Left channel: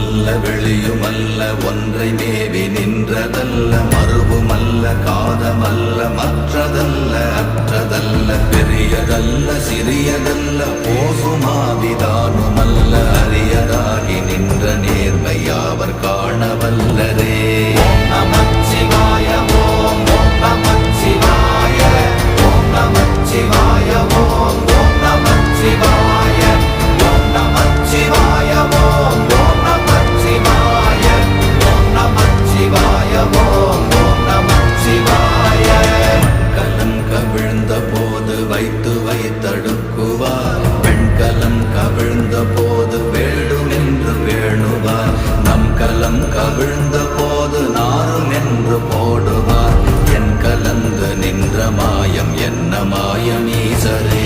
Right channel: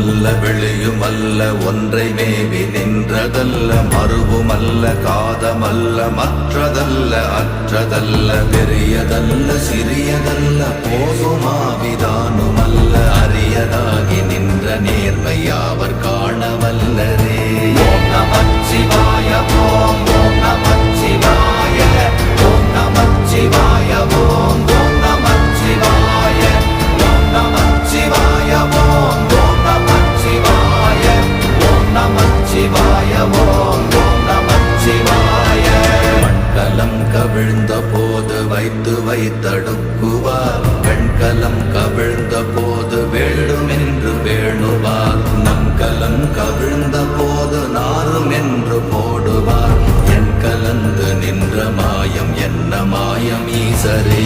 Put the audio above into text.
உள்ளுமல்ல வெளியுமல்ல ஒன்றை மேவி நின்றதல்ல மறுவுமல்ல காதமல்ல மற்றதல்ல அற்றதல்ல பெரியதல்ல சிறியதல்ல போகுமாவிதானுமல்ல அரியராகி நின்ற நேர்மையாவர் காணவல்லரே. ஓம் நமச்சிவாய ஓம் ஓம் நமச்சிவாய ஓம் நமச்சிவாய ஓம் ஓம் நமச்சிவாய ஓம் நமச்சிவாய ஓம் ஓம் நமச்சிவாய ஓம் நமச்சிவாய ஓம் ஓம் நமச்சிவாய. மண்கலம் கவிழ்ந்த போது வைத்து வைத்தடுக்குவார் பெண்கலம் கவிழ்ந்த போது வேடுமென்று வேணுவார் நம் கலம் கவிழ்ந்த போது நாரும் என்று போடுவார் என் கலந்து நின்ற மாயம் என்ன மாயம் ஈசரே.